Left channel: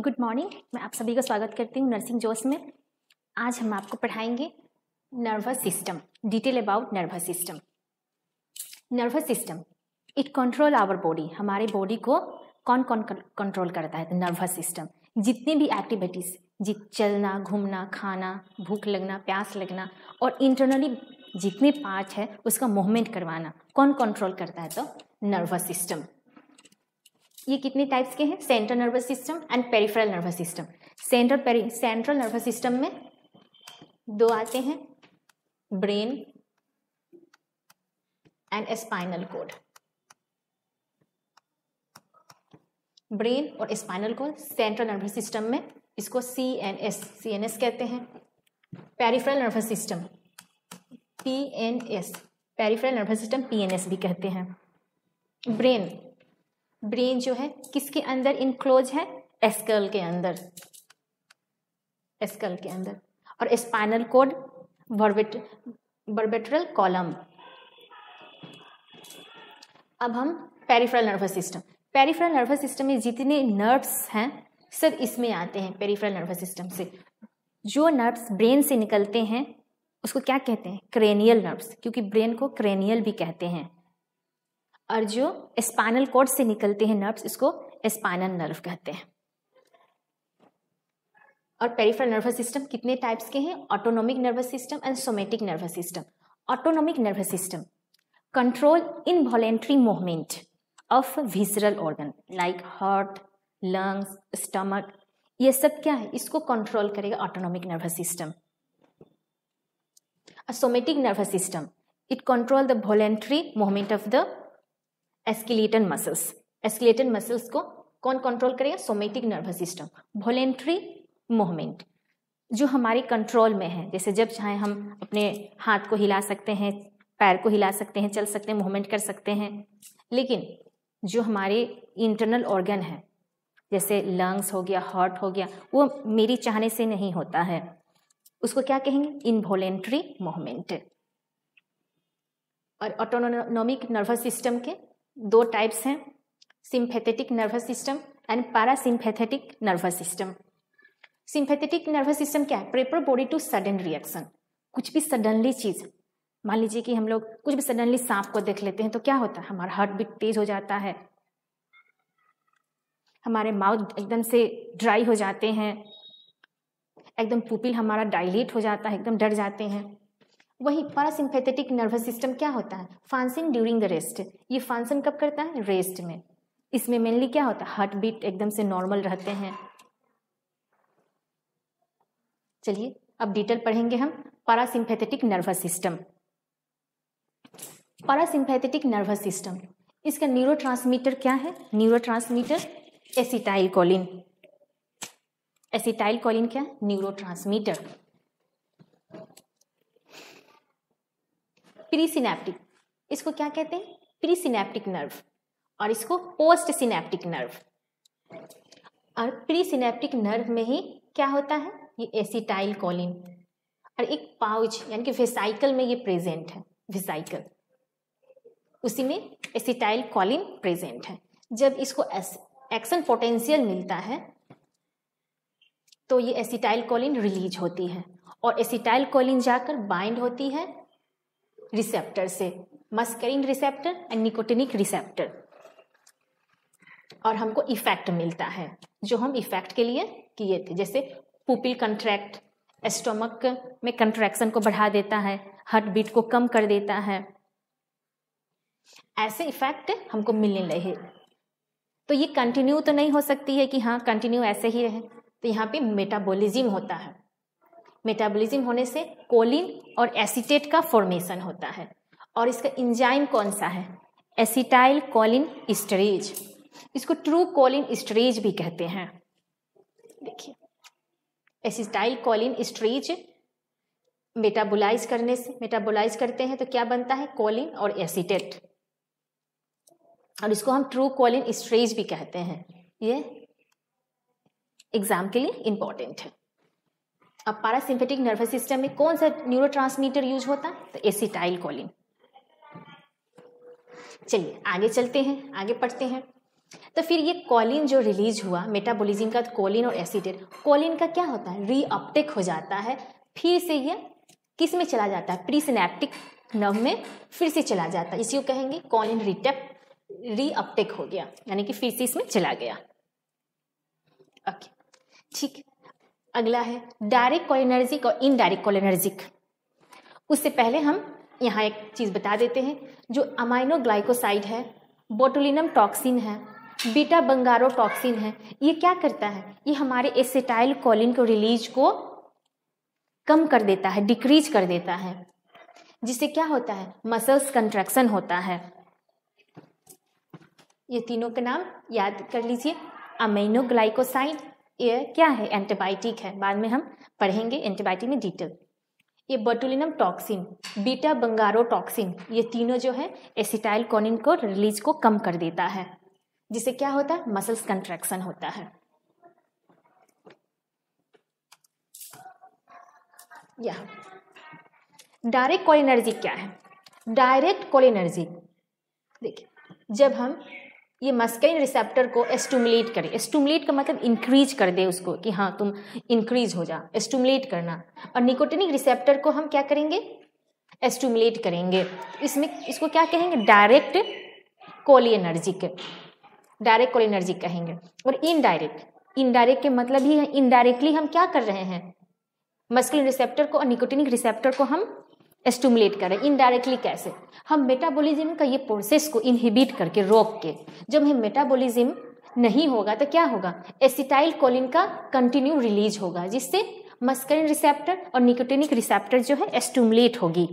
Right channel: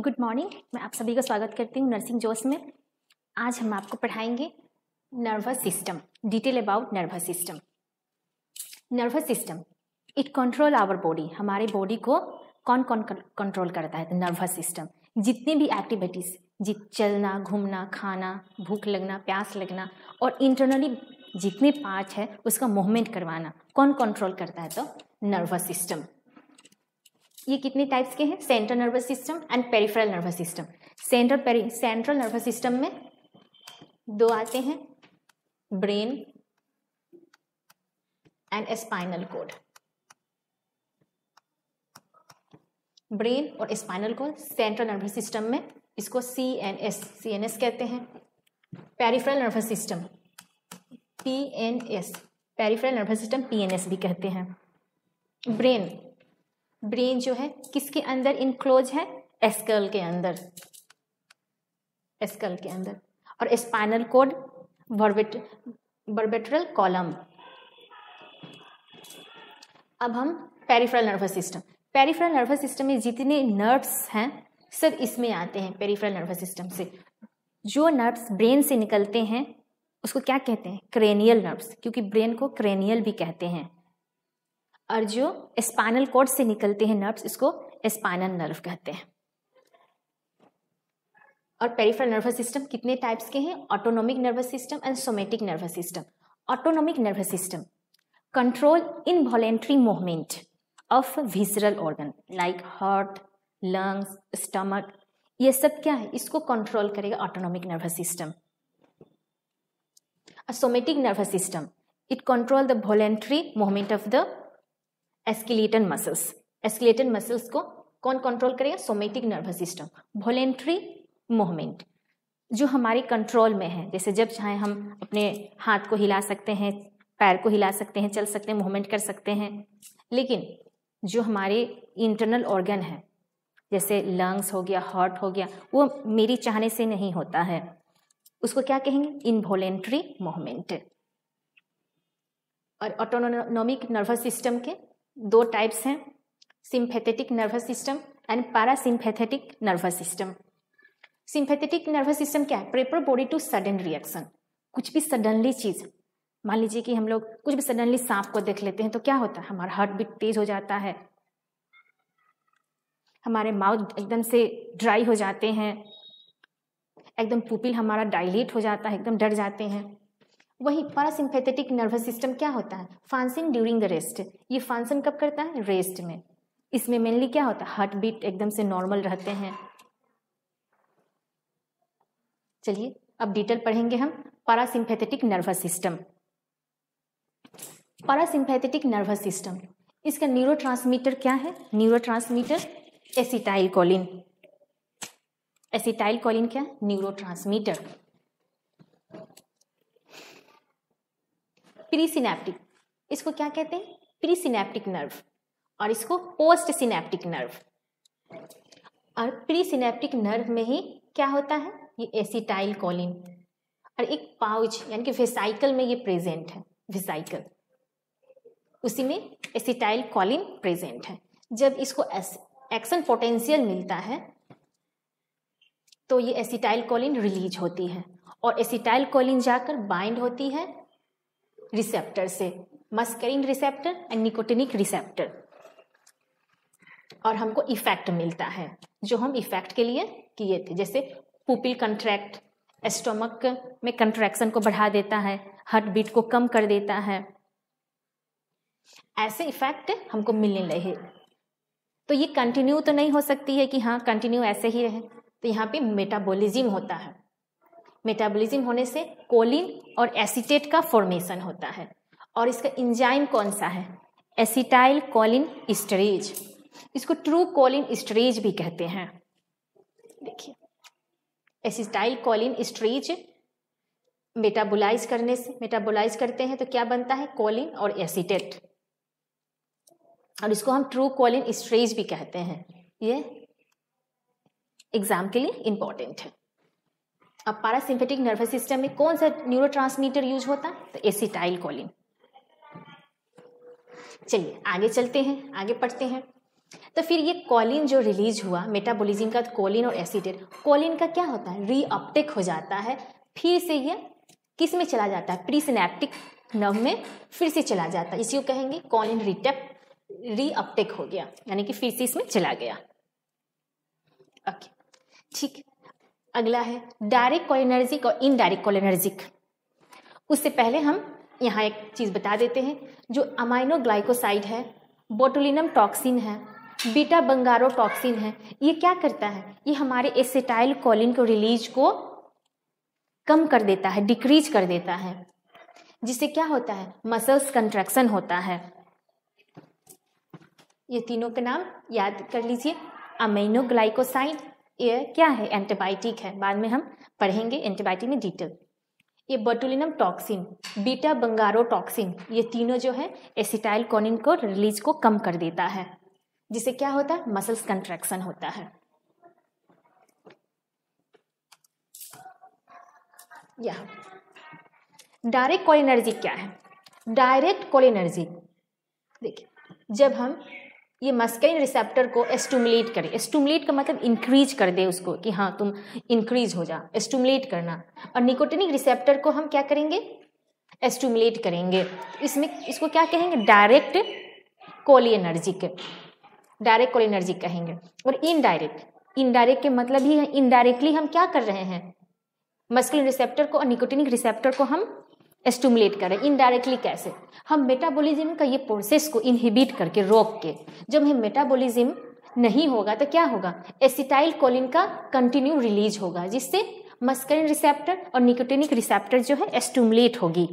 Good morning. मैं आप सभी का स्वागत करती हूँ नर्सिंग जॉस में। आज हम आपको पढ़ाएंगे nervous system, detail about nervous system. Nervous system it control our body, हमारे बॉडी को कौन कौन कंट्रोल करता है? तो नर्वस सिस्टम। जितनी भी एक्टिविटीज, चलना, घूमना, खाना, भूख लगना, प्यास लगना और इंटरनली जितने पार्ट है उसका मूवमेंट करवाना कौन कंट्रोल करता है? तो नर्वस सिस्टम। ये कितने टाइप्स के हैं? Central nervous system and peripheral nervous system. Central nervous system में दो आते हैं, brain and spinal cord. Brain और spinal cord central nervous system में, इसको CNS कहते हैं। Peripheral nervous system PNS, peripheral nervous system PNS भी कहते हैं। ब्रेन जो है किसके अंदर इनक्लोज है? स्कल के अंदर, और स्पाइनल कॉर्ड वर्बेट्रल कॉलम। अब हम पेरिफेरल नर्वस सिस्टम में जितने नर्व्स हैं सब इसमें आते हैं। पेरिफेरल नर्वस सिस्टम से जो नर्व्स ब्रेन से निकलते हैं उसको क्या कहते हैं? क्रेनियल नर्व्स, क्योंकि ब्रेन को क्रेनियल भी कहते हैं। और जो स्पाइनल कॉर्ड से निकलते हैं नर्व्स, इसको स्पाइनल नर्व कहते हैं। और पेरिफेरल नर्वस सिस्टम कितने टाइप्स के हैं? Autonomic nervous system and somatic nervous system. Autonomic nervous system control involuntary movement of visceral organ like heart, lungs, stomach, ये सब क्या है? इसको कंट्रोल करेगा autonomic nervous system. Somatic nervous system it control the voluntary movement of the skeletal muscles को कौन control करेगा? Somatic nervous system. Voluntary movement जो हमारे कंट्रोल में है, जैसे जब चाहे हम अपने हाथ को हिला सकते हैं, पैर को हिला सकते हैं, चल सकते हैं, मूवमेंट कर सकते हैं। लेकिन जो हमारे इंटरनल ऑर्गन है, जैसे लंग्स हो गया, हार्ट हो गया, वो मेरी चाहने से नहीं होता है, उसको क्या कहेंगे? Involuntary movement. और ऑटोनोमिक नर्वस सिस्टम के दो टाइप्स हैं, sympathetic nervous system and parasympathetic nervous system. Sympathetic nervous system क्या है? Prepare body to sudden reaction. कुछ भी सडनली चीज, मान लीजिए कि हम लोग कुछ भी सडनली सांप को देख लेते हैं तो क्या होता है? हमारा हार्ट बीट तेज हो जाता है, हमारे माउथ एकदम से ड्राई हो जाते हैं, एकदम पुपिल हमारा डायलेट हो जाता है, एकदम डर जाते हैं। वही पैरासिम्पैथेटिक नर्वस सिस्टम क्या होता है? Function during the rest. ये फंक्शन कब करता है? रेस्ट में। इसमें मेनली क्या होता है? हार्ट बीट एकदम से नॉर्मल रहते हैं। चलिए अब डिटेल पढ़ेंगे हम parasympathetic nervous system. Parasympathetic nervous system, इसका न्यूरोट्रांसमीटर क्या है? Neurotransmitter acetylcholine. एसिटाइलकोलिन क्या है? न्यूरोट्रांसमीटर। प्रीसिनेप्टिक, इसको क्या कहते हैं? प्रीसिनेप्टिक नर्व, और इसको पोस्ट सिनेप्टिक नर्व। और प्रीसिनेप्टिक नर्व में ही क्या होता है? ये एसिटाइलकोलिन, और एक पाउच यानी कि वेसाइकल में ये प्रेजेंट है। वेसाइकल, इसी में एसिटाइलकोलिन प्रेजेंट है। जब इसको एक्शन पोटेंशियल मिलता है तो ये एसिटाइलकोलिन रिलीज होती है, और एसिटाइलकोलिन जाकर बाइंड होती है रिसेप्टर से, मस्करिन रिसेप्टर और निकोटिनिक रिसेप्टर, और हमको इफेक्ट मिलता है जो हम इफेक्ट के लिए किए थे। जैसे पुपिल कंट्रैक्ट, स्टोमक में कंट्रैक्शन को बढ़ा देता है, हार्ट बीट को कम कर देता है, ऐसे इफेक्ट हमको मिलने लगे। तो ये कंटिन्यू तो नहीं हो सकती है कि हाँ कंटिन्यू ऐसे ही रहे, तो यहाँ पे मेटाबॉलिज्म होता है। मेटाबॉलिज्म होने से कोलिन और एसीटेट का फॉर्मेशन होता है, और इसका एंजाइम कौन सा है? Acetyl choline esterase. इसको ट्रू कोलिन एस्टरेज भी कहते हैं। देखिए एसिटाइल कोलिन एस्टरेज मेटाबोलाइज करते हैं तो क्या बनता है? कोलिन और एसीटेट, और इसको हम ट्रू कोलिन एस्टरेज भी कहते हैं। ये एग्जाम के लिए इंपॉर्टेंट है। अब पैरासिम्पैथिक नर्वस सिस्टम में कौन सा न्यूरोट्रांसमीटर यूज होता है? तो एसिटाइलकोलिन। चलिए आगे चलते हैं, आगे पढ़ते हैं। तो फिर ये कॉलिन जो रिलीज हुआ मेटाबॉलिज्म का, कॉलिन और एसिटेट, कॉलिन का क्या होता है, रीअपटेक हो जाता है, फिर से ये किस में चला जाता है, प्रीसिनेप्टिक नर्व में फिर से चला जाता है, इसी को कहेंगे कॉलिन रीअपटेक हो गया, यानी कि फिर से इसमें चला गया। ओके ठीक, अगला है डायरेक्ट कोलिनर्जिक और इनडायरेक्ट कोलिनर्जिक। उससे पहले हम यहाँ एक चीज बता देते हैं, जो अमाइनो ग्लाइकोसाइड है, बोटुलिनम टॉक्सिन है, बीटा बंगारोटॉक्सिन है, ये क्या करता है, ये हमारे एसिटाइल कोलिन को रिलीज को कम कर देता है, डिक्रीज कर देता है, जिससे क्या होता है, मसल्स कंट्रैक्शन होता है। ये तीनों का नाम याद कर लीजिए, अमीनो ग्लाइकोसाइड, ये क्या है, एंटीबायोटिक है, बाद में हम पढ़ेंगे एंटीबायोटिक में डिटेल। ये बोटुलिनम टॉक्सिन, बीटा बंगारोटॉक्सिन, ये तीनों जो है एसिटाइल कोलिन को रिलीज को कम कर देता है, जिससे क्या होता है, मसल्स कंट्रैक्शन होता है। यहाँ डायरेक्ट कोलिनर्जिक क्या है, डायरेक्ट कोलिनर्जिक देखिए, जब हम ये मस्कुलिन रिसेप्टर को स्टिमुलेट करें, स्टिमुलेट का मतलब इंक्रीज कर दे उसको, कि हाँ तुम इंक्रीज हो जा, स्टिमुलेट करना, और निकोटिनिक रिसेप्टर को हम क्या करेंगे, स्टिमुलेट करेंगे, इसमें इसको क्या कहेंगे, डायरेक्ट कोलिनर्जिक, डायरेक्ट कोलिनर्जिक कहेंगे। और इनडायरेक्ट, इनडायरेक्ट के मतलब ही है इनडायरेक्टली हम क्या कर रहे हैं, मस्कुलिन रिसेप्टर को और निकोटिनिक रिसेप्टर को हम स्टिमुलेट करें। इनडायरेक्टली कैसे, हम मेटाबॉलिज्म का ये प्रोसेस को इनहिबिट करके, रोक के, जब हमें मेटाबॉलिज्म नहीं होगा तो क्या होगा, एसिटाइल कोलिन का कंटिन्यू रिलीज होगा, जिससे मस्कुलिन रिसेप्टर और निकोटिनिक रिसेप्टर जो है स्टिमुलेट होगी,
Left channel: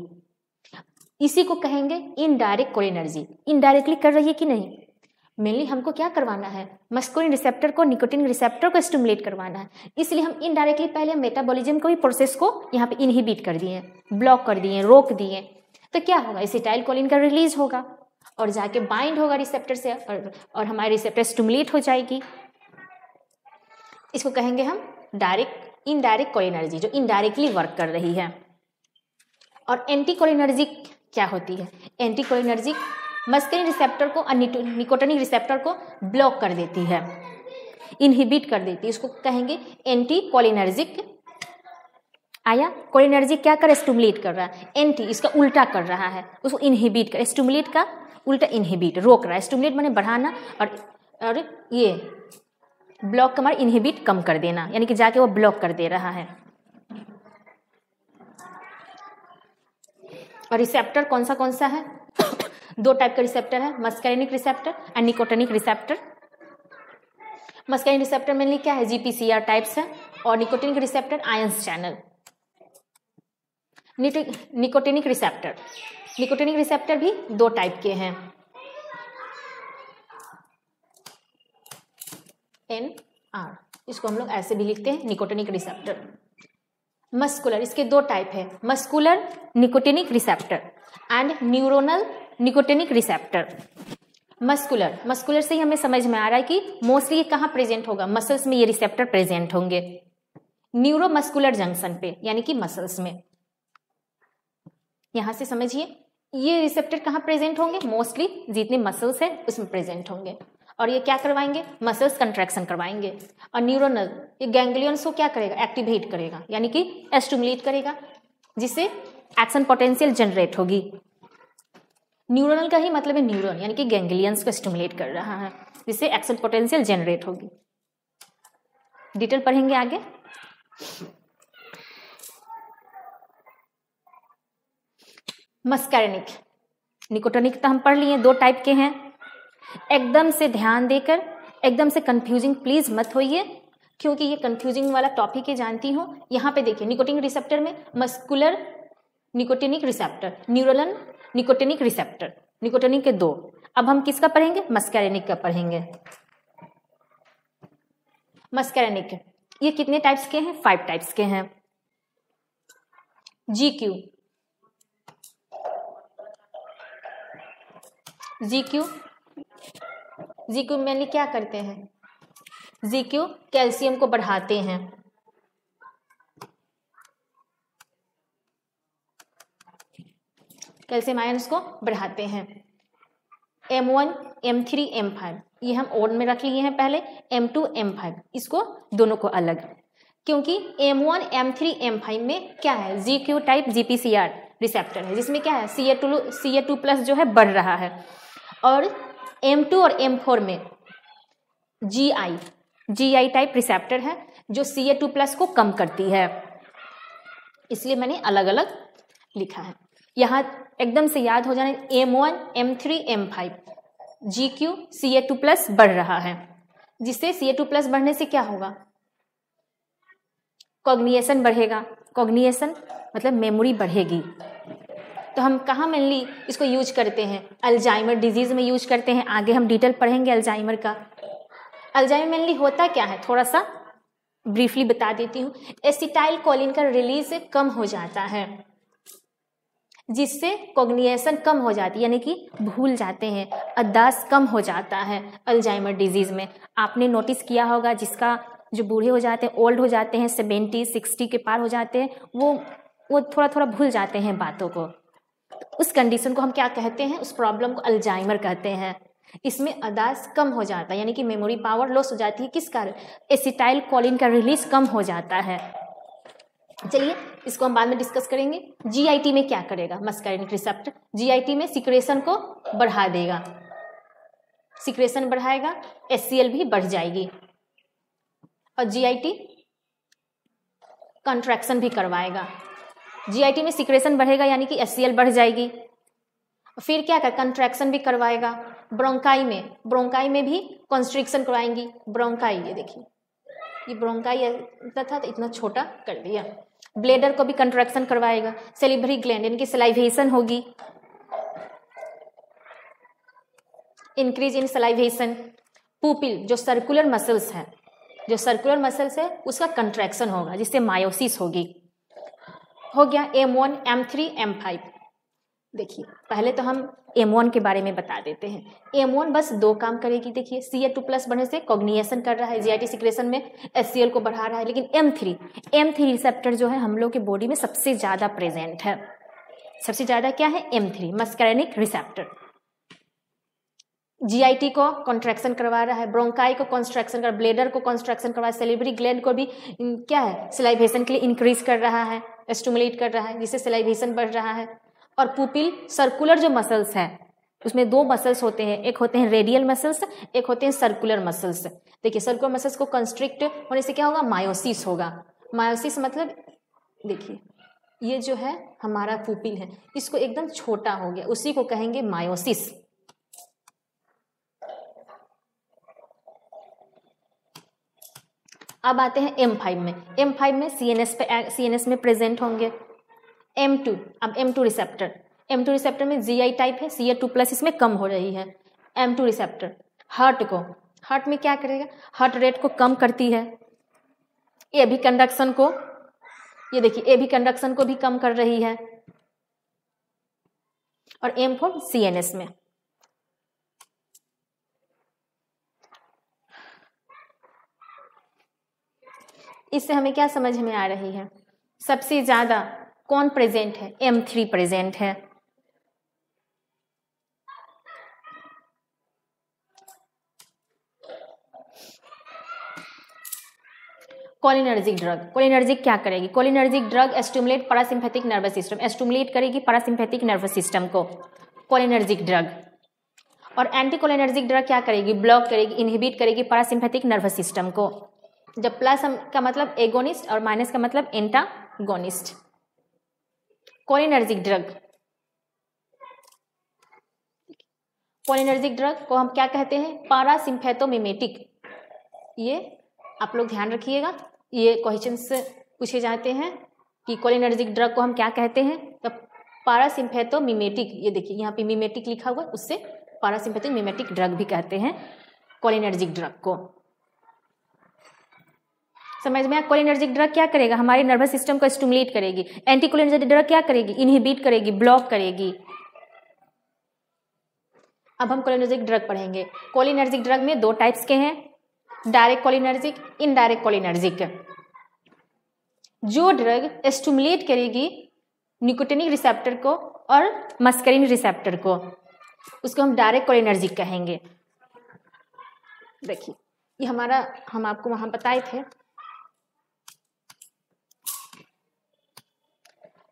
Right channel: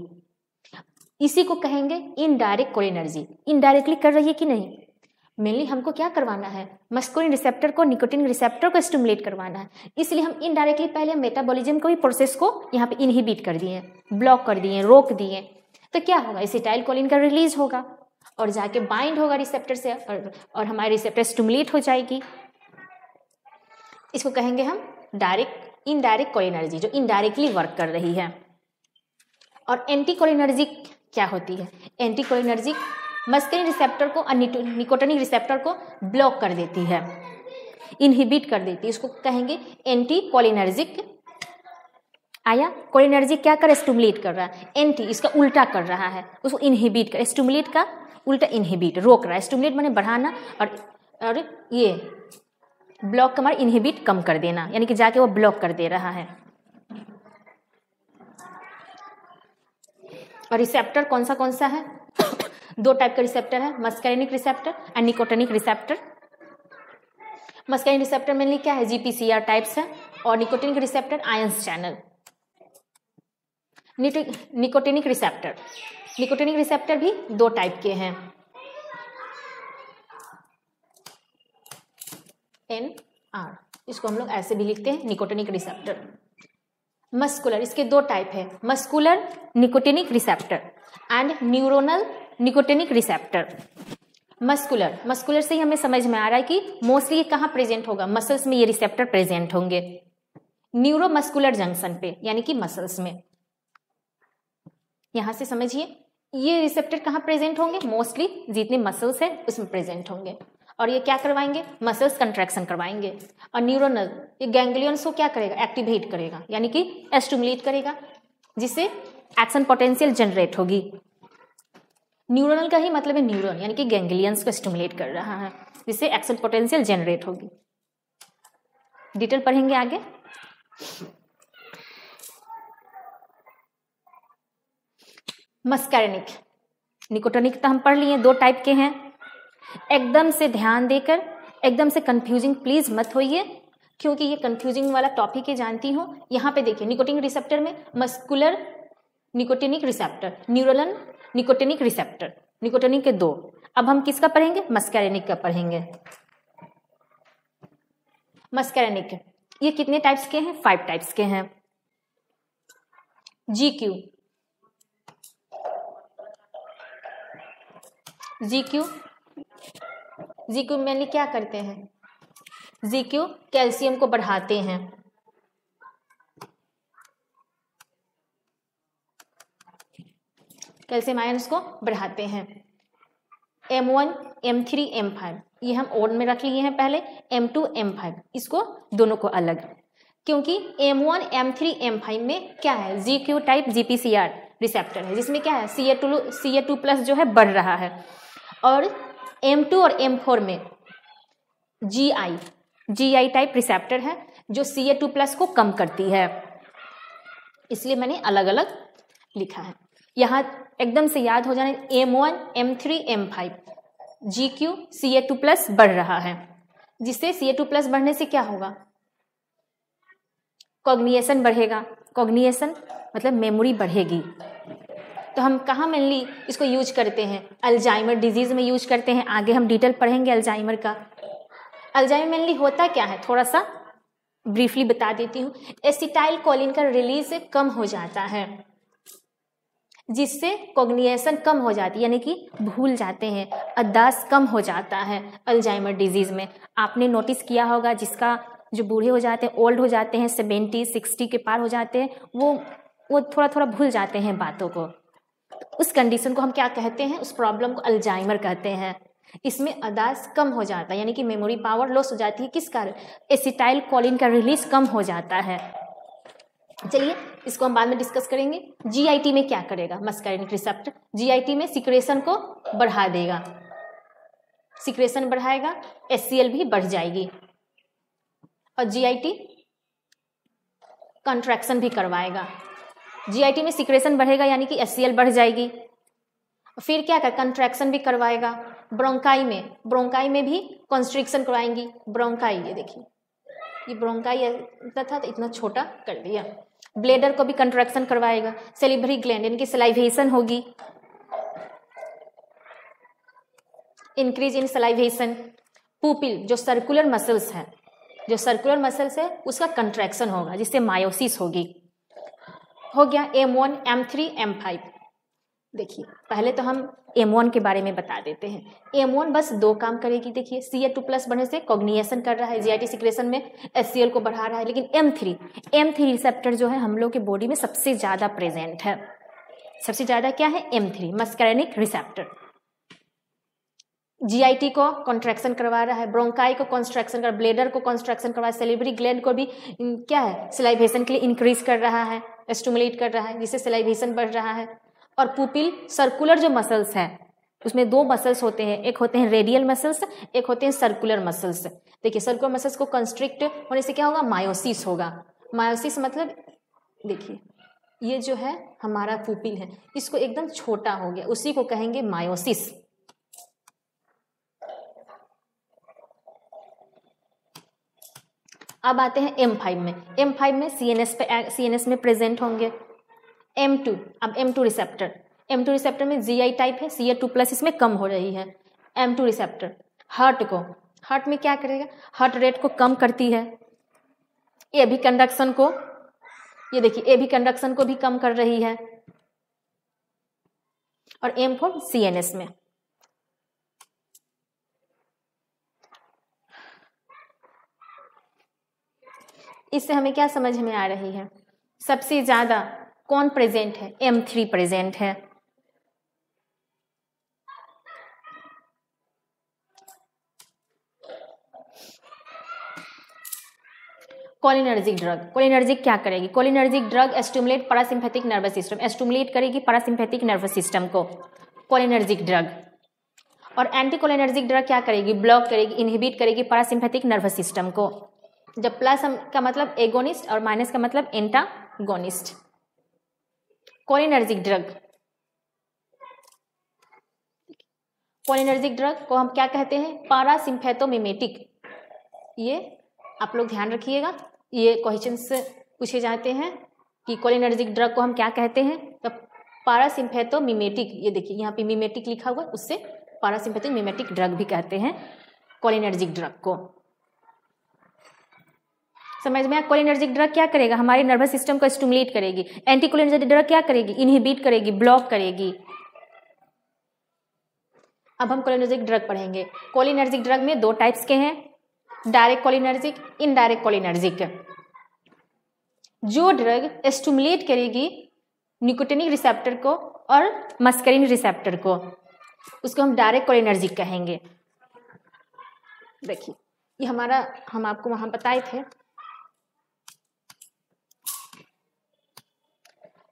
इसी को कहेंगे इनडायरेक्ट कोलिनर्जिक। इनडायरेक्टली कर रही है कि नहीं, मेनली हमको क्या करवाना है, मस्कुलिन रिसेप्टर को निकोटिनिक रिसेप्टर को स्टिमुलेट करवाना है, इसलिए हम इनडायरेक्टली पहले मेटाबॉलिज्म का भी प्रोसेस को यहाँ पे इनहिबिट कर दिए, ब्लॉक कर दिए, रोक दिए, तो क्या होगा, एसिटाइल कोलिन का रिलीज होगा और जाके बाइंड होगा रिसेप्टर से, और हमारी रिसेप्टर स्टिमुलेट हो जाएगी, इसको कहेंगे हम डायरेक्ट इनडायरेक्ट कोलिनर्जी, जो इनडायरेक्टली वर्क कर रही है। और एंटी कोलिनर्जिक क्या होती है, एंटी कोलिनर्जिक मस्कुलिन रिसेप्टर को और निकोटिनिक रिसेप्टर को ब्लॉक कर देती है, इनहिबिट कर देती है, इसको कहेंगे एंटी कोलिनर्जिक। आया, कोलिनर्जिक क्या कर, स्टिमुलेट कर रहा है, एंटी इसका उल्टा कर रहा है, उसको इनहिबिट कर, स्टिमुलेट का उल्टा इनहिबिट, रोक रहा है, स्टिमुलेट माने बढ़ाना, और ये ब्लॉक का माने इनहिबिट कम कर देना, यानी कि जाके वो ब्लॉक कर दे रहा है। और रिसेप्टर कौन सा है, दो टाइप का रिसेप्टर है, मस्कुलिनिक रिसेप्टर और nicotinic receptor. Muscarinic receptor mainly क्या है, जीपीसीआर टाइप्स है, और nicotinic receptor ions channel. Nicotinic receptor भी दो टाइप के हैं, NR, इसको हम लोग ऐसे भी लिखते हैं, निकोटिनिक रिसेप्टर। मस्कुलर, इसके दो टाइप है, muscular nicotinic receptor and neuronal nicotinic receptor. Muscular से ही हमें समझ में आ रहा है कि मोस्टली कहाँ प्रेजेंट होगा, मसल्स में ये रिसेप्टर प्रेजेंट होंगे, न्यूरोमस्कुलर जंक्शन पे, यानी कि मसल्स में। यहां से समझिए ये रिसेप्टर कहाँ प्रेजेंट होंगे, मोस्टली जितने मसल्स हैं उसमें प्रेजेंट होंगे, और ये क्या करवाएंगे, मसल्स कंट्रैक्शन करवाएंगे। और न्यूरोनल, ये गैंग्लियंस को क्या करेगा, एक्टिवेट करेगा, यानी कि स्टिमुलेट करेगा, जिससे एक्शन पोटेंशियल जनरेट होगी। न्यूरोनल का ही मतलब है न्यूरॉन, यानी कि गैंग्लियंस को स्टिमुलेट कर रहा है, जिससे एक्शन पोटेंशियल जनरेट होगी। डिटेल पढ़ेंगे आगे। मस्कैरेनिक, निकोटिनिक तो हम पढ़ लिए, दो टाइप के हैं। एकदम से ध्यान देकर, एकदम से कंफ्यूजिंग प्लीज मत होइए, क्योंकि ये कंफ्यूजिंग वाला टॉपिक ही जानती हूँ। यहाँ पे देखिए, निकोटिनिक रिसेप्टर में muscular nicotinic receptor, neuronal nicotinic receptor, nicotinic के दो। अब हम किसका पढ़ेंगे, मस्कैरेनिक का पढ़ेंगे। मस्कैरेनिक ये कितने टाइप्स के हैं, 5 टाइप्स के हैं। जीक्यू मेनली क्या करते हैं, जीक्यू कैल्शियम को बढ़ाते हैं, कैल्शियम आयंस को बढ़ाते हैं। M1 M3 M5 ये हम ऑड में रख लिए हैं पहले, M2 M5 इसको दोनों को अलग, क्योंकि M1 M3 M5 में क्या है, GQ टाइप GPCR रिसेप्टर है जिसमें क्या है CA2 प्लस जो है बढ़ रहा है, और M2 और M4 में GI टाइप रिसेप्टर है जो CA2 प्लस को कम करती है, इसलिए मैंने अलग अलग लिखा है। यहाँ एकदम से याद हो जाए, M1 M3 M5 GQ CA2 plus बढ़ रहा है, जिससे CA2 प्लस बढ़ने से क्या होगा, कॉग्निएशन बढ़ेगा, कॉग्निएशन मतलब मेमोरी बढ़ेगी। तो हम कहाँ मेनली इसको यूज करते हैं, अल्जाइमर डिजीज में यूज करते हैं, आगे हम डिटेल पढ़ेंगे अल्जाइमर का। अल्जाइमर मेनली होता क्या है, थोड़ा सा ब्रीफली बता देती हूँ। एसिटाइल कोलिन का रिलीज कम हो जाता है, जिससे कॉग्निएशन कम हो जाती है, यानी कि भूल जाते हैं, याददाश्त कम हो जाता है अल्जाइमर डिजीज में। आपने नोटिस किया होगा जिसका जो बूढ़े हो जाते हैं, ओल्ड हो जाते हैं, 70-60 के पार हो जाते हैं, वो थोड़ा थोड़ा भूल जाते हैं बातों को। उस कंडीशन को हम क्या कहते हैं, उस प्रॉब्लम को अल्जाइमर कहते हैं। इसमें याददाश्त कम हो जाता है, यानी कि मेमोरी पावर लॉस हो जाती है, किस कारण, एसिटाइल कोलिन का रिलीज कम हो जाता है। चलिए इसको हम बाद में डिस्कस करेंगे। GIT में क्या करेगा मस्कारिनिक रिसेप्टर, GIT में सिक्रेशन को बढ़ा देगा, सिक्रेशन बढ़ाएगा, HCl भी बढ़ जाएगी, और GIT कंट्रैक्शन भी करवाएगा। GIT में सिक्रेशन बढ़ेगा यानी कि HCl बढ़ जाएगी, फिर क्या कर, कंट्रैक्शन भी करवाएगा। ब्रोंकाई में भी कंस्ट्रिक्शन करवाएंगी। ब्रोंकाई, ये देखिए, ये ब्रोंकाई इतना था तो इतना छोटा कर दिया। ब्लेडर को भी कंट्रैक्शन करवाएगा। सेलिब्री ग्लैंड यानी कि सलाइवेशन होगी, इंक्रीज इन सलाइवेशन। पुपिल जो सर्कुलर मसल्स है, उसका कंट्रैक्शन होगा, जिससे मायोसिस होगी। हो गया M1 M3 M5। देखिए पहले तो हम M1 के बारे में बता देते हैं। M1 बस दो काम करेगी, देखिए CA2 प्लस बढ़ने से कॉग्निएशन कर रहा है, GIT सिक्रेशन में HCl को बढ़ा रहा है। लेकिन M3 रिसेप्टर जो है हम लोग के बॉडी में सबसे ज्यादा प्रेजेंट है। सबसे ज्यादा क्या है, M3 मस्कारिनिक रिसेप्टर। GIT को कॉन्ट्रैक्शन करवा रहा है, ब्रोंकाई को कंस्ट्रक्शन कर, ब्लेडर को कंस्ट्रक्शन करवा, सेलिब्री ग्लैंड को भी क्या है, सलाइवेशन के लिए इंक्रीज कर रहा है, स्टिमुलेट कर रहा है, जिससे सलाइवेशन बढ़ रहा है। और पुपिल सर्कुलर जो मसल्स है, उसमें दो मसल्स होते हैं, एक होते हैं रेडियल मसल्स, एक होते हैं सर्कुलर मसल्स। देखिए सर्कुलर मसल्स को कंस्ट्रिक्ट होने से क्या होगा, मायोसिस होगा। मायोसिस मतलब देखिए ये जो है हमारा पुपिल है, इसको एकदम छोटा होंगे, उसी को कहेंगे मायोसिस। अब आते हैं M5 में। M5 में CNS में प्रेजेंट होंगे। M2, अब M2 रिसेप्टर में GI टाइप है, CA2 प्लस इसमें कम हो रही है। M2 रिसेप्टर हार्ट में क्या करेगा, हार्ट रेट को कम करती है, ये भी कंडक्शन को, ये देखिए ये भी कंडक्शन को भी कम कर रही है। और M4 CNS में, इससे हमें क्या समझ में आ रही है, सबसे ज्यादा कौन प्रेजेंट है, M3 प्रेजेंट है। कोलिनर्जिक क्या करेगी, cholinergic drug stimulate parasympathetic nervous system, stimulate करेगी पैरासिम्पैथिक नर्वस सिस्टम को कोलिनर्जिक ड्रग। और एंटी कोलिनर्जिक ड्रग क्या करेगी, ब्लॉक करेगी, इनहिबिट करेगी पैरासिम्पैथिक नर्वस सिस्टम को। जब प्लस का मतलब एगोनिस्ट और माइनस का मतलब एंटागोनिस्ट। कोलिनर्जिक ड्रग को हम क्या कहते हैं, पैरासिम्पैथोमिमेटिक। ये आप लोग ध्यान रखिएगा, ये क्वेश्चंस पूछे जाते हैं कि कोलिनर्जिक ड्रग को हम क्या कहते हैं, पैरासिम्पैथोमिमेटिक। ये देखिए यहाँ पे मिमेटिक लिखा हुआ है, उससे पैरासिम्पैथिक मिमेटिक ड्रग भी कहते हैं कोलिनर्जिक ड्रग को। समझ में? कोलिनर्जिक ड्रग क्या करेगा, हमारे नर्वस सिस्टम को स्टिमुलेट करेगी। एंटी कोलिनर्जिक ड्रग क्या करेगी, इनहिबिट करेगी, ब्लॉक करेगी। अब हम कोलिनर्जिक ड्रग पढ़ेंगे। कोलिनर्जिक ड्रग में दो टाइप्स के हैं, डायरेक्ट कोलिनर्जिक, इनडायरेक्ट कोलिनर्जिक। जो ड्रग स्टिमुलेट करेगी निकोटिनिक रिसेप्टर को और मस्करिन रिसेप्टर को, उसको हम डायरेक्ट कोलिनर्जिक कहेंगे। देखिए ये हमारा, हम आपको वहां बताए थे,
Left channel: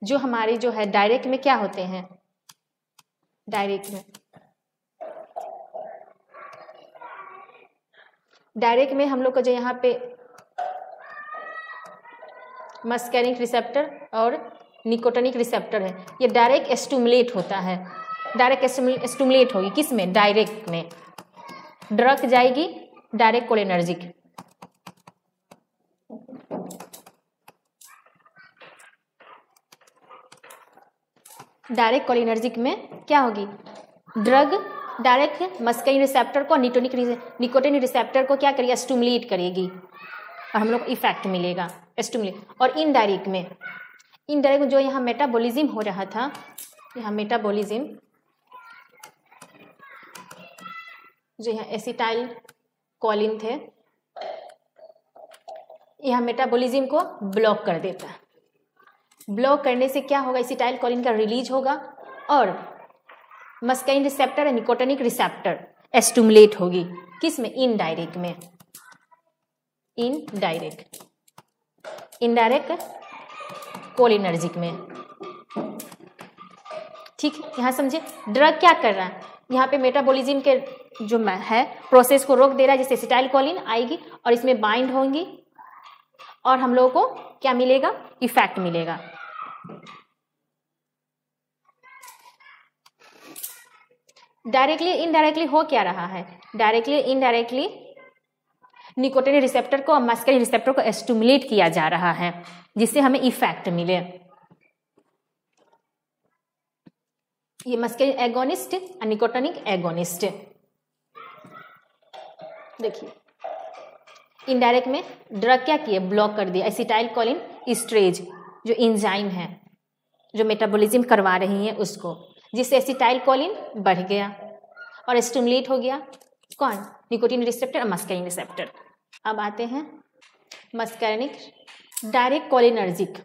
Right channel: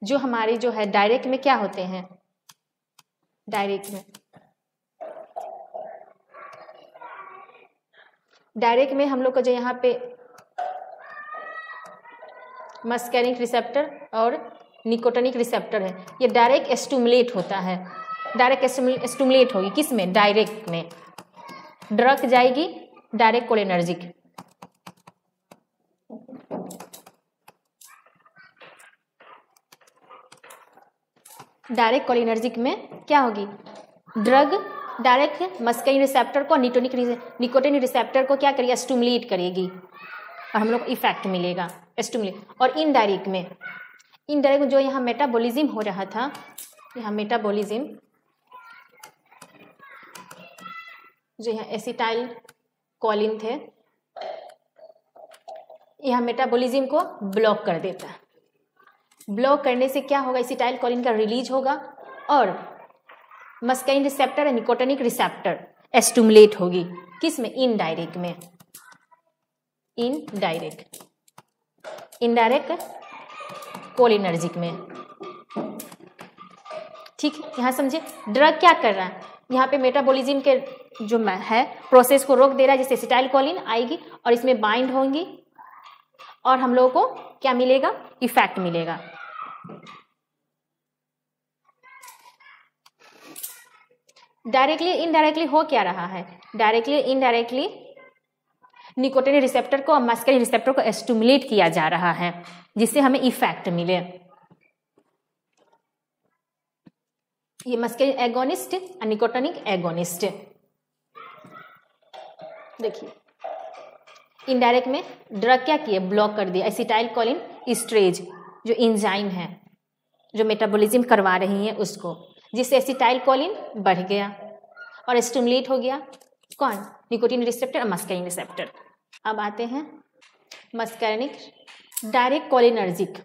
जो हमारे जो है डायरेक्ट में क्या होते हैं, डायरेक्ट में हम लोग का जो यहाँ पे मस्कैरिक रिसेप्टर और निकोटिनिक रिसेप्टर है, ये डायरेक्ट स्टिमुलेट होता है, डायरेक्ट स्टिमुलेट होगी किसमें, डायरेक्ट में। ड्रग जाएगी डायरेक्ट कोलिनर्जिक, डायरेक्ट कोलिनर्जिक में क्या होगी, ड्रग डायरेक्ट मस्कैरिक रिसेप्टर को निकोटिन रिसेप्टर को क्या करेगी, स्टिमुलेट करेगी और हम लोग को इफेक्ट मिलेगा स्टिमुलेट। और इनडायरेक्ट में जो यहाँ मेटाबॉलिज्म हो रहा था, यहाँ मेटाबॉलिज्म जो यहाँ एसिटाइल कोलिन थे, यहाँ मेटाबॉलिज्म को ब्लॉक कर देता है। ब्लॉक करने से क्या होगा, एसिटाइल कोलिन का रिलीज होगा और मस्कैरिक रिसेप्टर और निकोटिनिक रिसेप्टर स्टिमुलेट होगी किसमें, इनडायरेक्ट में। इनडायरेक्ट कोलिनर्जिक में। ठीक, यहाँ समझे ड्रग क्या कर रहा है, यहाँ पे मेटाबॉलिज्म के जो है प्रोसेस को रोक दे रहा है, जिससे एसिटाइल कोलिन आएगी और इसमें बाइंड होंगी और हम लोगों को क्या मिलेगा, इफेक्ट मिलेगा। डायरेक्टली इनडायरेक्टली हो क्या रहा है, डायरेक्टली इनडायरेक्टली निकोटिन रिसेप्टर को और मस्कैरिक रिसेप्टर को स्टिमुलेट किया जा रहा है, जिससे हमें इफेक्ट मिले। ये मस्कैरिक एगोनिस्ट और निकोटिनिक एगोनिस्ट। देखिए इनडायरेक्ट में ड्रग क्या किए, ब्लॉक कर दिया एसिटाइल कोलिन एस्टरेज जो एंजाइम है जो मेटाबॉलिज्म करवा रही है उसको, जिससे एसिटाइल कोलिन बढ़ गया और स्टिमुलेट हो गया कौन, निकोटिन रिसेप्टर और मस्कैरिक रिसेप्टर। अब आते हैं मस्कैरिक डायरेक्ट कोलिनर्जिक,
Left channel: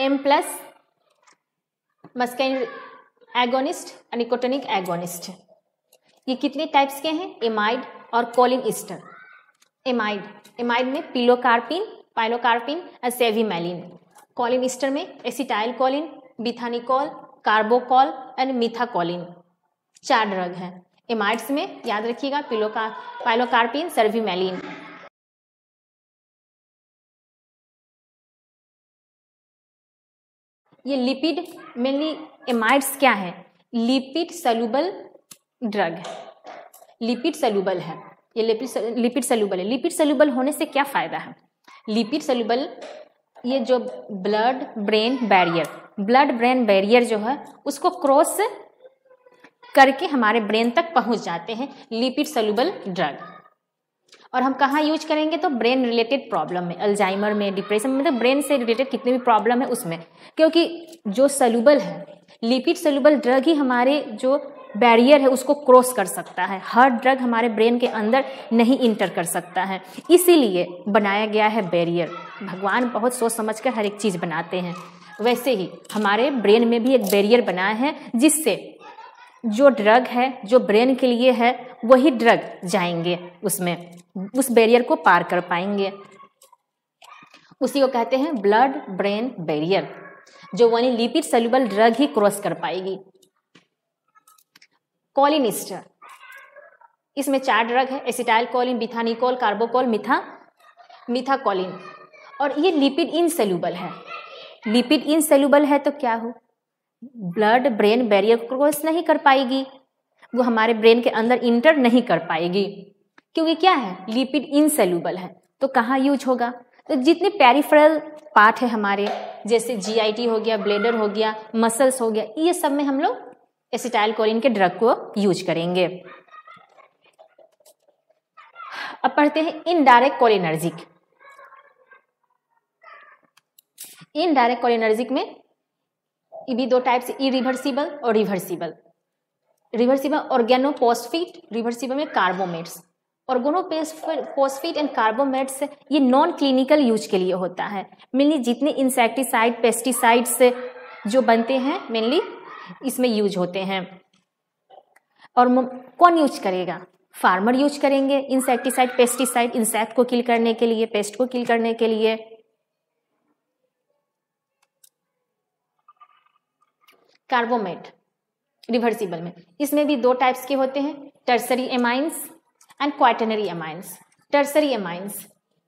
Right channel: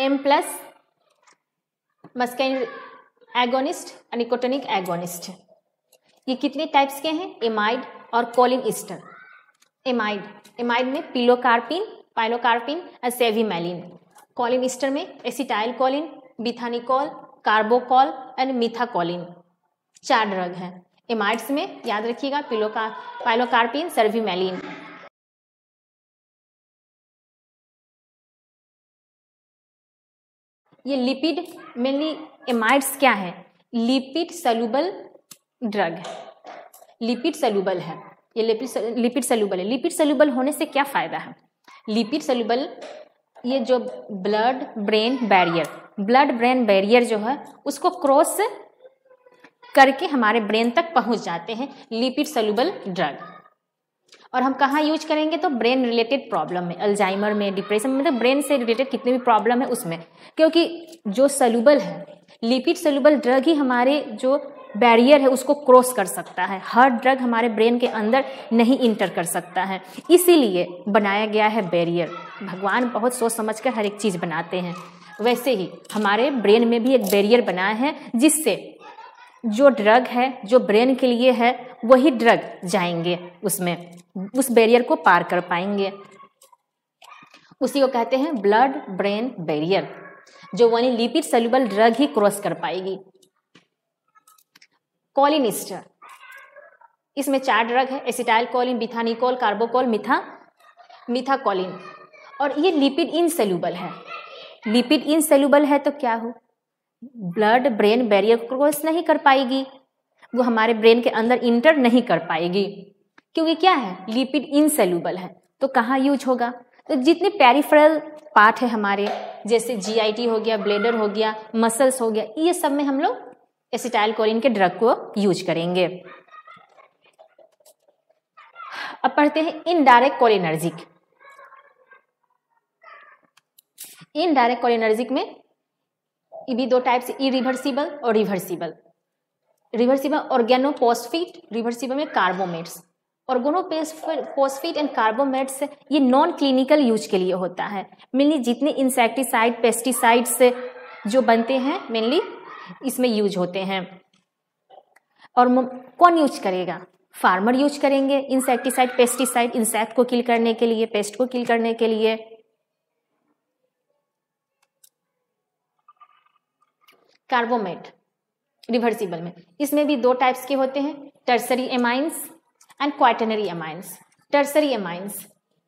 M+ मस्कैरिक एगोनिस्ट और निकोटिनिक एगोनिस्ट। ये कितने टाइप्स के हैं, एमाइड और कोलिन ईस्टर। एमाइड में पिलोकार्पिन, पाइनोकार्पिन और सेविमेलिन। कोलिन ईस्टर में एसिटाइल कोलिन, बिथानिकोल, कार्बोकोल एंड मिथाकोलिन। 4 ड्रग हैं एमाइड्स में, याद रखिएगा, पाइनोकार्पिन, सेविमेलिन। ये लिपिड, मेनली एमाइड्स क्या है, lipid soluble drug, lipid soluble है, ये लिपिड सॉल्युबल है। लिपिड सॉल्युबल होने से क्या फायदा है, लिपिड सॉल्युबल ये जो ब्लड ब्रेन बैरियर जो है उसको क्रॉस करके हमारे ब्रेन तक पहुंच जाते हैं लिपिड सॉल्युबल ड्रग। और हम कहाँ यूज करेंगे, तो ब्रेन रिलेटेड प्रॉब्लम में, अल्जाइमर में, डिप्रेशन में, तो ब्रेन से रिलेटेड कितने भी प्रॉब्लम है उसमें, क्योंकि जो सॉल्युबल है लिपिड सॉल्युबल ड्रग ही हमारे जो बैरियर है उसको क्रॉस कर सकता है। हर ड्रग हमारे ब्रेन के अंदर नहीं इंटर कर सकता है, इसीलिए बनाया गया है बैरियर। भगवान बहुत सोच समझ कर हर एक चीज बनाते हैं, वैसे ही हमारे ब्रेन में भी एक बैरियर बनाया है, जिससे जो ड्रग है जो ब्रेन के लिए है वही ड्रग जाएंगे उसमें, उस बैरियर को पार कर पाएंगे। उसी को कहते हैं ब्लड ब्रेन बैरियर, जो वही लिपिड सॉल्युबल ड्रग ही क्रॉस कर पाएगी। कोलिन ईस्टर, इसमें 4 ड्रग है, एसिटाइल कोलिन, बिथानिकोल, कार्बोकोल, मिथाकोलिन। और ये लिपिड इनसोल्यूबल है। लिपिड इनसोल्यूबल है तो क्या हो, ब्लड ब्रेन बैरियर क्रॉस नहीं कर पाएगी, वो हमारे ब्रेन के अंदर इंटर नहीं कर पाएगी, क्योंकि क्या है, लिपिड इनसोल्यूबल है। तो कहाँ यूज होगा, तो जितने पेरिफेरल पार्ट है हमारे, जैसे GIT हो गया, ब्लेडर हो गया, मसल्स हो गया, ये सब में हम लोग एसिटाइल कोलिन के ड्रग को यूज करेंगे। अब पढ़ते हैं इनडायरेक्ट कोलिनर्जिक। इनडायरेक्ट कोलिनर्जिक में ये भी 2 टाइप से, इरिवर्सिबल और रिवर्सिबल। रिवर्सिबल ऑर्गेनोफॉस्फेट, रिवर्सिबल में कार्बोमेट्स। ऑर्गेनोफॉस्फेट एंड कार्बोमेट्स ये नॉन क्लिनिकल यूज के लिए होता है। मेनली जितने इंसेक्टिसाइड, पेस्टिसाइड्स जो बनते हैं मेनली इसमें यूज होते हैं। और कौन यूज करेगा? फार्मर यूज करेंगे इंसेक्टिसाइड, पेस्टिसाइड, इंसेक्ट को किल करने के लिए, पेस्ट को किल करने के लिए। कार्बोमेट रिवर्सिबल में, इसमें भी दो टाइप्स के होते हैं, tertiary amines and quaternary amines.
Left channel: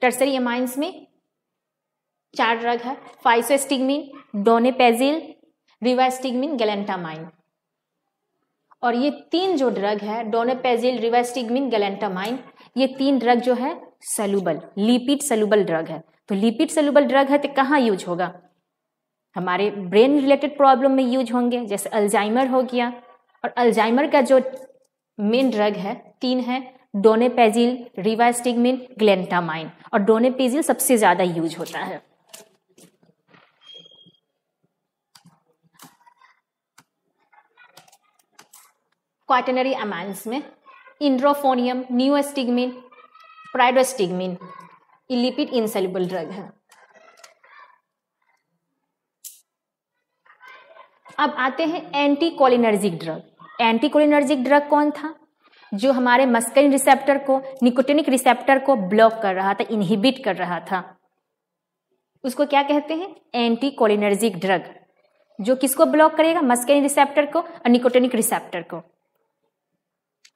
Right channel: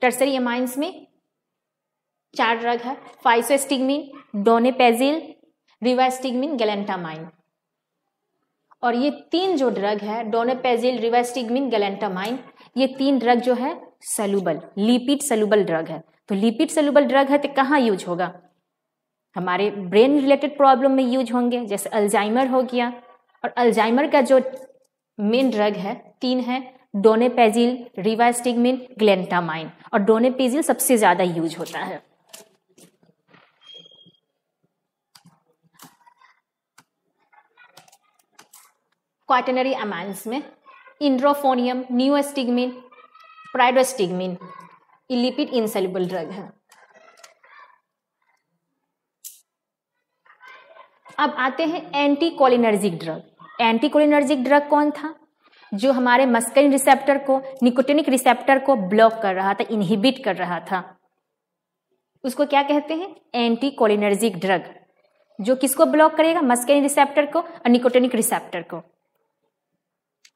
Tertiary amines में 4 ड्रग है, फाइसोस्टिग्मीन, डोनेपेजिल, रिवास्टिग्मीन, गैलेंटामाइन। और ये 3 जो ड्रग है, डोनेपेजिल, रिवास्टिग्मीन, गैलेंटामाइन, ये 3 ड्रग जो है सॉल्युबल, लिपिड सॉल्युबल ड्रग है। तो लिपिड सॉल्युबल ड्रग है तो कहाँ यूज होगा? हमारे ब्रेन रिलेटेड प्रॉब्लम में यूज होंगे, जैसे अल्जाइमर हो गया। और अल्जाइमर का जो मेन ड्रग है 3 है, डोनेपेजिल, रिवास्टिग्मीन, ग्लेंटामाइन। और डोनेपेजिल सबसे ज्यादा यूज होता है। क्वाaternary एमाइंस में इंड्रोफोनियम, नियोस्टिग्मीन, प्राइडोस्टिग्मीन, ये लिपिड इनसॉल्युबल ड्रग है। अब आते हैं एंटीकोलिनर्जिक ड्रग। एंटीकोलिनर्जिक ड्रग कौन था? जो हमारे मस्कलिन रिसेप्टर को, निकोटिनिक रिसेप्टर को ब्लॉक कर रहा था, इनहिबिट कर रहा था, उसको क्या कहते हैं? Anticholinergic drug. जो किसको ब्लॉक करेगा? मस्कलिन रिसेप्टर को और निकोटिनिक रिसेप्टर को।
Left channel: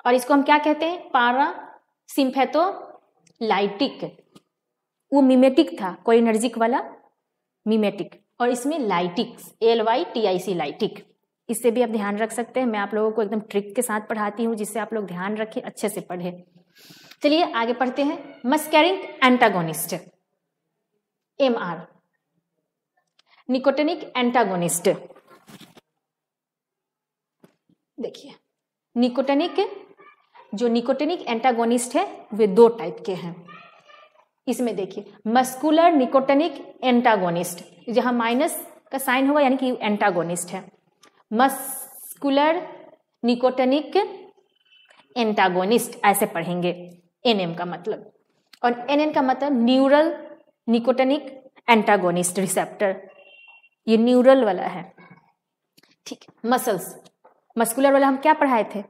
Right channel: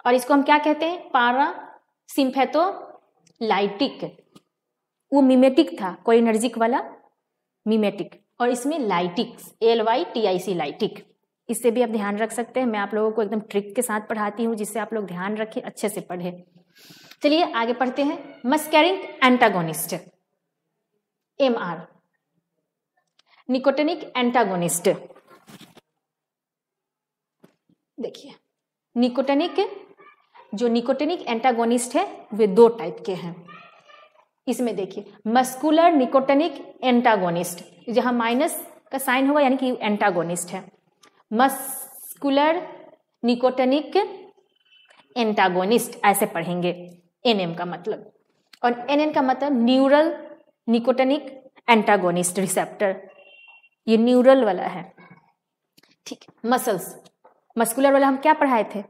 और इसको हम क्या कहते हैं? पैरासिम्पैथोलाइटिक। वो मिमेटिक था, कोलिनर्जिक वाला मिमेटिक, और इसमें लाइटिक, LYTIC, लाइटिक। इससे भी आप ध्यान रख सकते हैं। मैं आप लोगों को एकदम ट्रिक के साथ पढ़ाती हूँ, जिससे आप लोग ध्यान रखें, अच्छे से पढ़े। चलिए आगे पढ़ते हैं। Muscarine antagonist, MR, nicotinic antagonist. देखिए, निकोटिनिक एंटागोनिस्ट है वे 2 टाइप के हैं। इसमें देखिए, मस्कुलर निकोटिनिक एंटागोनिस्ट, जहां माइनस का साइन होगा यानी कि एंटागोनिस्ट है। मस्कुलर निकोटिनिक एंटागोनिस्ट ऐसे पढ़ेंगे, NM का मतलब। और NN का मतलब न्यूरल निकोटिनिक एंटागोनिस्ट रिसेप्टर, ये न्यूरल वाला है। ठीक है। मस्कुलर वाला हम क्या पढ़ाए थे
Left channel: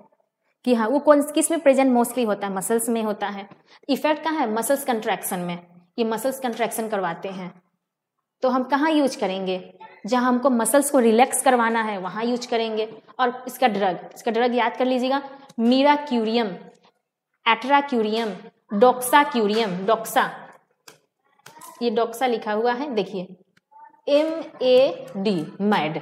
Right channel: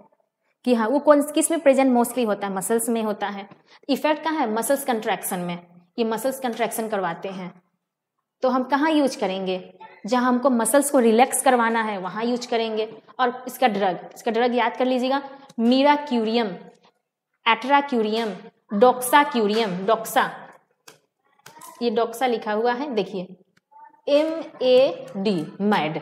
कि हाँ, वो किस में प्रेजेंट मोस्टली होता है? मसल्स में होता है। इफेक्ट कहाँ है? मसल्स कंट्रैक्शन में। ये मसल्स कंट्रैक्शन करवाते हैं, तो हम कहाँ यूज करेंगे? जहां हमको मसल्स को रिलैक्स करवाना है वहां यूज करेंगे। और इसका ड्रग याद कर लीजिएगा, मीराक्यूरियम, एट्राक्यूरियम, डॉक्साक्यूरियम। डॉक्सा, ये डॉक्सा लिखा हुआ है, देखिए MAD, मैड।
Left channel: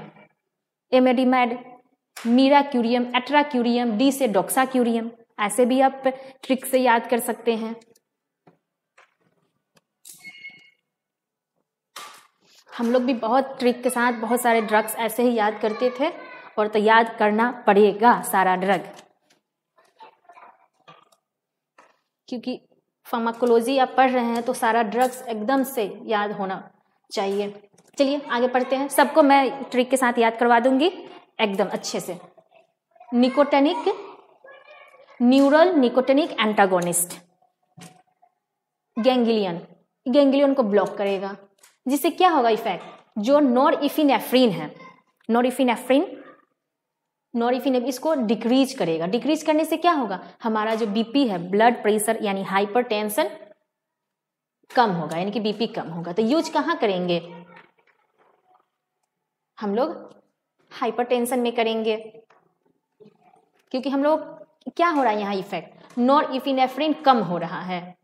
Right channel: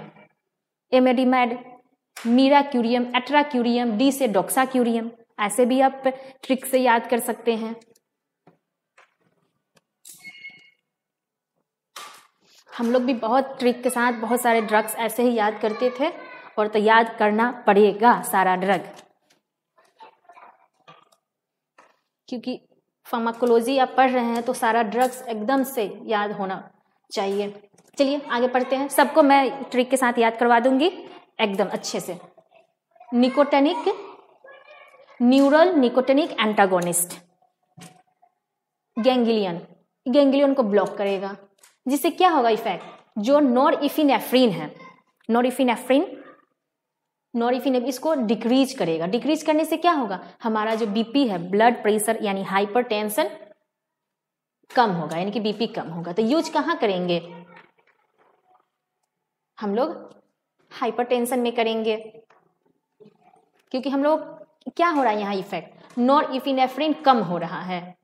मीराक्यूरियम, एट्राक्यूरियम, D से डॉक्साक्यूरियम। ऐसे भी आप ट्रिक से याद कर सकते हैं। हम लोग भी बहुत ट्रिक के साथ बहुत सारे ड्रग्स ऐसे ही याद करते थे, और तो याद करना पड़ेगा सारा ड्रग, क्योंकि फार्माकोलॉजी आप पढ़ रहे हैं तो सारा ड्रग्स एकदम से याद होना चाहिए। चलिए आगे पढ़ते हैं। सबको मैं ट्रिक के साथ याद करवा दूंगी एकदम अच्छे से। न्यूरल निकोटिनिक एंटागोनिस्ट, गैंग्लियन को ब्लॉक करेगा, जिससे क्या होगा इफेक्ट? जो नॉरएपिनेफ्रिन है, नॉरएपिनेफ्रिन इसको डिक्रीज करेगा। डिक्रीज करने से क्या होगा? हमारा जो बीपी है, ब्लड प्रेशर यानी हाइपरटेंशन कम होगा, यानी कि बीपी कम होगा। तो यूज कहाँ करेंगे? हम लोग हाइपरटेंशन में करेंगे, क्योंकि हम लोग क्या हो रहा है यहाँ इफेक्ट? नॉरएपिनेफ्रिन कम हो रहा है।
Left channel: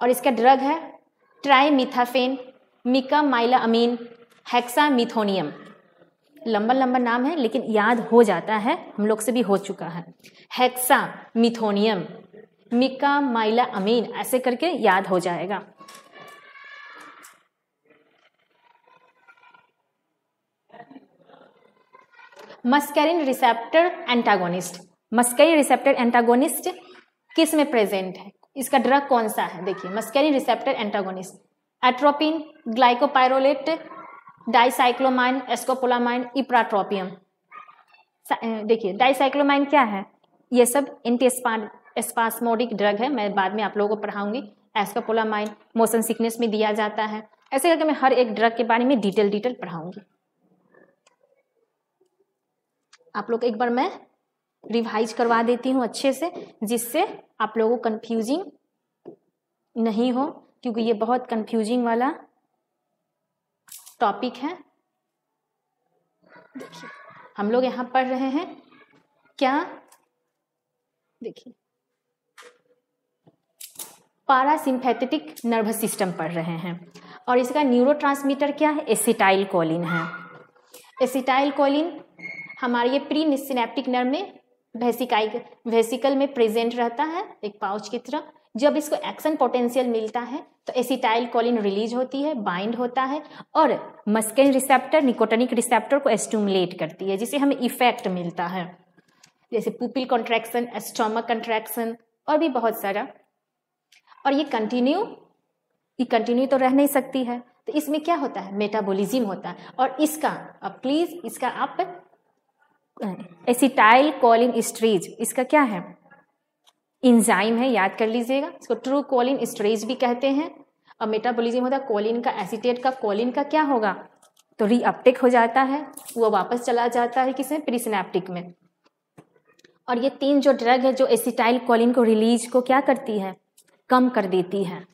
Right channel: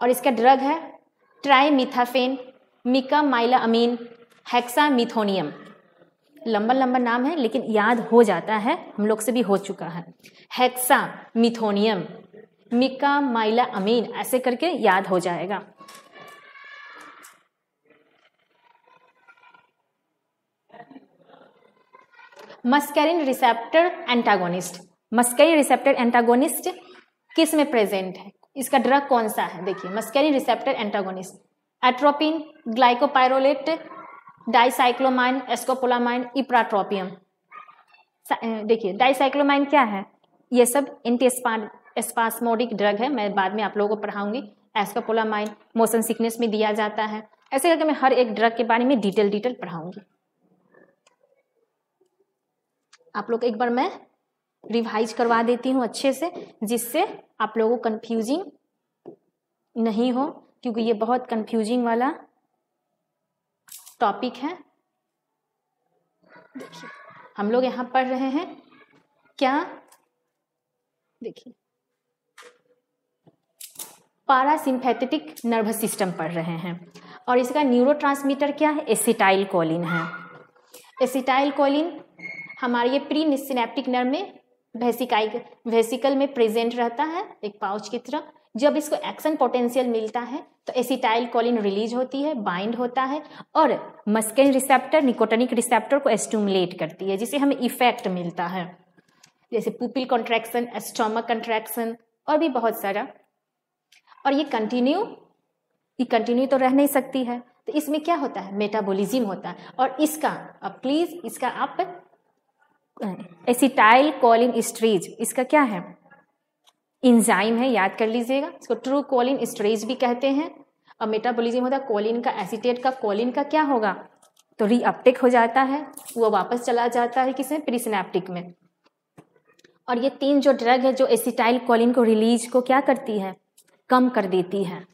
और इसका ड्रग है ट्राइमिथाफेन, मिकामाइलामीन, हेक्सामिथोनियम। लंबा नाम है लेकिन याद हो जाता है, हम लोग से भी हो चुका है। हेक्सामिथोनियम, मिकामाइलामीन, ऐसे करके याद हो जाएगा। मस्करिन रिसेप्टर एंटागोनिस्ट किस में प्रेजेंट है? इसका ड्रग कौन सा है? देखिए, muscarine receptor antagonist, atropine, glycopyrrolate, dicyclomine, scopolamine, ipratropium. देखिए, डाइसाइक्लोमाइन क्या है? ये सब एंटी स्पास्मोडिक ड्रग है, मैं बाद में आप लोगों को पढ़ाऊंगी। एस्कोपोलामाइन मोशन सिकनेस में दिया जाता है। ऐसे करके मैं हर एक ड्रग के बारे में डिटेल पढ़ाऊंगी। आप लोग एक बार मैं रिवाइज करवा देती हूँ अच्छे से, जिससे आप लोगों को कंफ्यूजिंग नहीं हो, क्योंकि ये बहुत कंफ्यूजिंग वाला टॉपिक है। देखिए हम लोग यहाँ पढ़ रहे हैं क्या, देखिए पारासिम्पैथेटिक नर्वस सिस्टम पढ़ रहे हैं, और इसका न्यूरोट्रांसमीटर क्या है, एसिटाइल कोलिन है। एसिटाइल कोलिन हमारे ये प्री सिनेप्टिक नर्व में वेसिकल में प्रेजेंट रहता है एक पाउच की तरह। जब इसको एक्शन पोटेंशियल मिलता है तो एसिटाइल कोलिन रिलीज होती है, बाइंड होता है, और मस्केन रिसेप्टर निकोटिनिक रिसेप्टर को स्टिमुलेट करती है, जिससे हमें इफेक्ट मिलता है, जैसे पुपिल कॉन्ट्रैक्शन, स्टोमक कंट्रैक्शन और भी बहुत सारा। और ये कंटिन्यू तो रह नहीं सकती है, तो इसमें क्या होता है, मेटाबॉलिज्म होता है। और इसका प्लीज इसका आप एसिटाइल कोलिन एस्टरेज, इसका क्या है, इंजाइम है, याद कर लीजिएगा। इसको ट्रू कोलिन एस्टरेज भी कहते हैं। और मेटाबॉलिज्म होता है कोलिन का, एसीटेट का, कोलिन का क्या होगा, तो रीअपटेक हो जाता है, वो वापस चला जाता है किसी प्रीसिनेप्टिक में। और ये तीन जो ड्रग है जो एसिटाइल कोलिन को रिलीज को क्या करती है, कम कर देती है।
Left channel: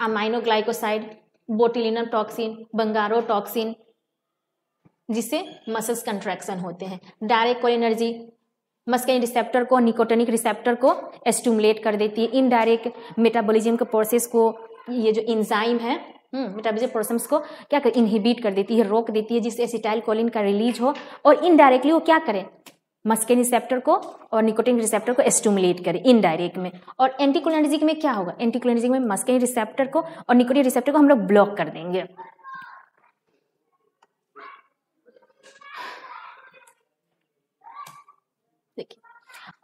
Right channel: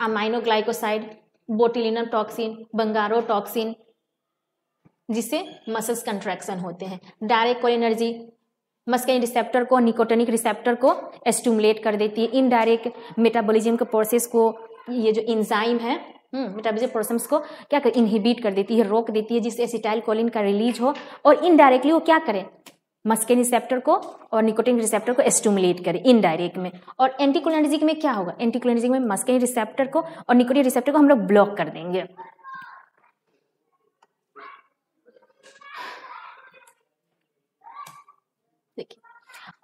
अमाइनोग्लाइकोसाइड, बोtulinum टॉक्सिन, बंगारोटॉक्सिन, जिससे मसल्स कंट्रैक्शन होते हैं। डायरेक्ट कोलिनर्जी मस्केन रिसेप्टर को, निकोटिनिक रिसेप्टर को स्टिमुलेट कर देती है। इनडायरेक्ट मेटाबॉलिज्म के प्रोसेस को, ये जो एंजाइम है मेटाबॉलिज्म प्रोसेस को क्या कर इनहिबिट कर देती है, रोक देती है, जिससे एसिटाइल कोलिन का रिलीज हो। और इनडायरेक्टली वो क्या करे, मस्केन रिसेप्टर को और निकोटिन रिसेप्टर को स्टिमुलेट करे इनडायरेक्ट में। और एंटीकोलिनर्जिक में क्या होगा, एंटीकोलिनर्जिक में मस्केन रिसेप्टर को और निकोटिन रिसेप्टर को हम लोग ब्लॉक कर देंगे।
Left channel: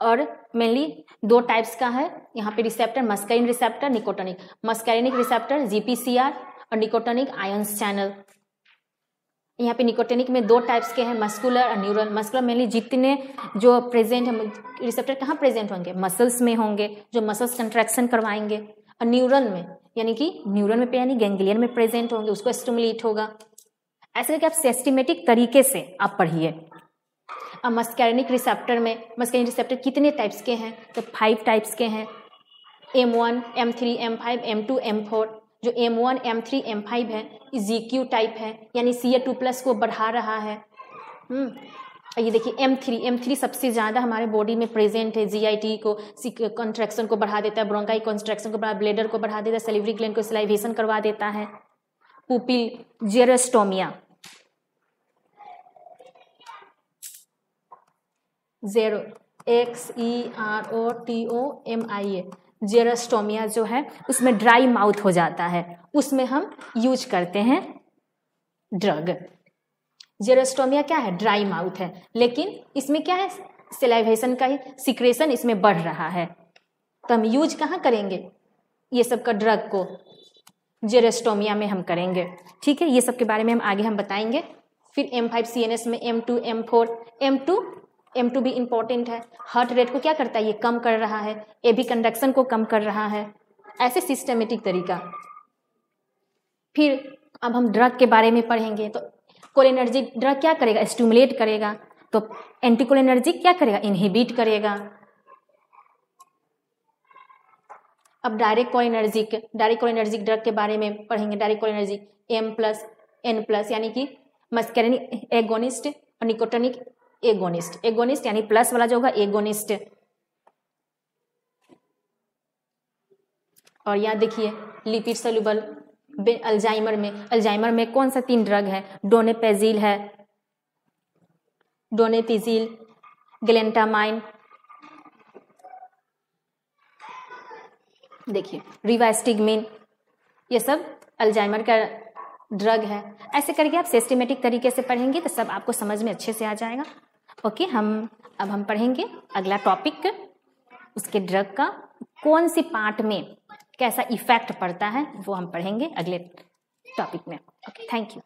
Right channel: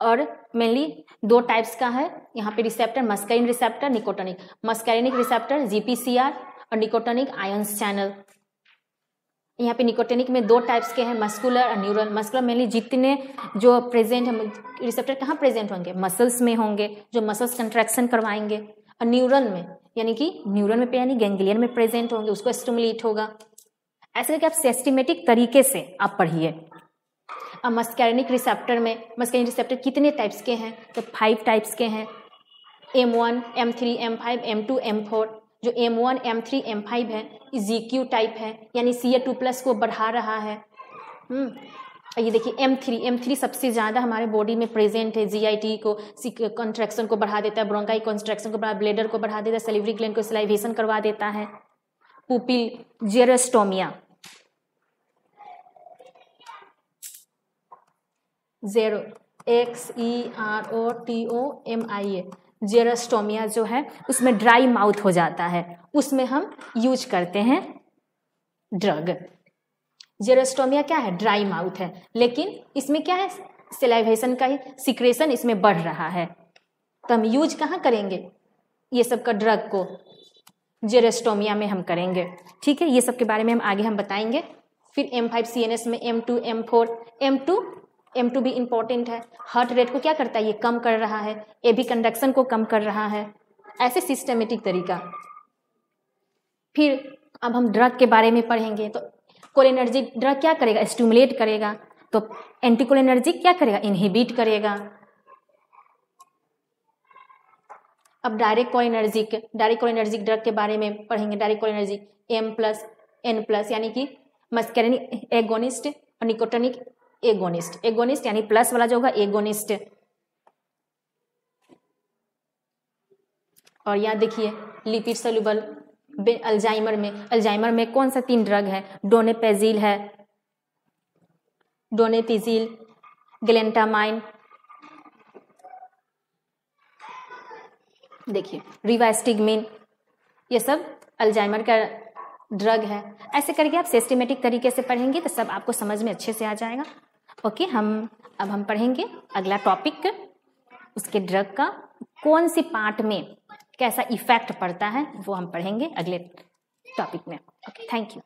और मेनली दो टाइप्स का है यहाँ पे receptor, muscarine receptor, nicotinic. Muscarinic receptor GPCR और निकोटिनिक आयंस चैनल। यहाँ पे निकोटिनिक में दो टाइप्स के हैं, मस्कुलर और न्यूरल। मस्कुलर मेनली जितने जो प्रेजेंट है रिसेप्टर कहाँ प्रेजेंट होंगे, मसल्स में होंगे, जो मसल्स कंट्रैक्शन करवाएंगे। और न्यूरल में यानी कि न्यूरल में यानी गैंग्लियन में प्रेजेंट होंगे, उसको स्टिमुलेट होगा। ऐसे कि आप सिस्टमेटिक तरीके से आप पढ़िए। और मस्कैरिनिक रिसेप्टर में, मस्कैरिनिक रिसेप्टर कितने टाइप्स के हैं, तो 5 टाइप्स के हैं, M1, M3, M5, M2, M4। जो M1, M3, M5 है GQ टाइप है, यानी Ca2+ को बढ़ा रहा है। ये देखिए M3 सबसे ज्यादा हमारे बॉडी में प्रेजेंट है, GIT को कंट्रैक्शन को बढ़ा देता है, ब्रोंकाई कंस्ट्रक्शन को बढ़ा, ब्लेडर को बढ़ा देता है, सैलिवरी ग्लैंड को सलाइवेशन करवा देता है। पुपिल जेरोस्टोमिया, XEROTOMIA, जेरोस्टोमिया जो है उसमें ड्राई माउथ हो जाता है, उसमें हम यूज करते हैं ड्रग। जेरोस्टोमिया क्या है, ड्राई माउथ है, लेकिन इसमें क्या है, सलाइवेशन का सिक्रेशन इसमें बढ़ रहा है, तो हम यूज कहाँ करेंगे ये सब का ड्रग को, जेरोस्टोमिया में हम करेंगे। ठीक है, ये सब के बारे में हम आगे बताएंगे। फिर M5 CNS में M2, M4, M2 भी इंपॉर्टेंट है, हार्ट रेट को क्या करता है, ये कम कर रहा है, एबी कंडक्शन को कम कर रहा है, ऐसे सिस्टमेटिक तरीका। फिर अब हम ड्रग के बारे में पढ़ेंगे। तो कोलिनर्जिक ड्रग क्या करेगा, स्टिमुलेट करेगा, तो एंटीकोलिनर्जिक क्या करेगा, इनहिबिट करेगा। अब डायरेक्ट कोलिनर्जिक ड्रग के बारे में पढ़ेंगे। डायरेक्ट कोलिनर्जिक M+N+, यानी कि मस्कैरिनिक एगोनिस्ट और निकोटिनिक एगोनिस्ट यानी प्लस वाला जो होगा एगोनिस्ट। और यहाँ देखिए लिपिड सोल्यूबल अल्जाइमर में कौन सा 3 ड्रग है, डोनेपेजिल है, डोनेपिजिल, ग्लेंटामाइन, देखिए रिवास्टिगमिन, ये सब अल्जाइमर का ड्रग है। ऐसे करके आप सिस्टमेटिक तरीके से पढ़ेंगे तो सब आपको समझ में अच्छे से आ जाएगा। ओके, अब हम पढ़ेंगे अगला टॉपिक, उसके ड्रग का कौन से पार्ट में कैसा इफेक्ट पड़ता है वो हम पढ़ेंगे अगले टॉपिक में। Okay, thank you.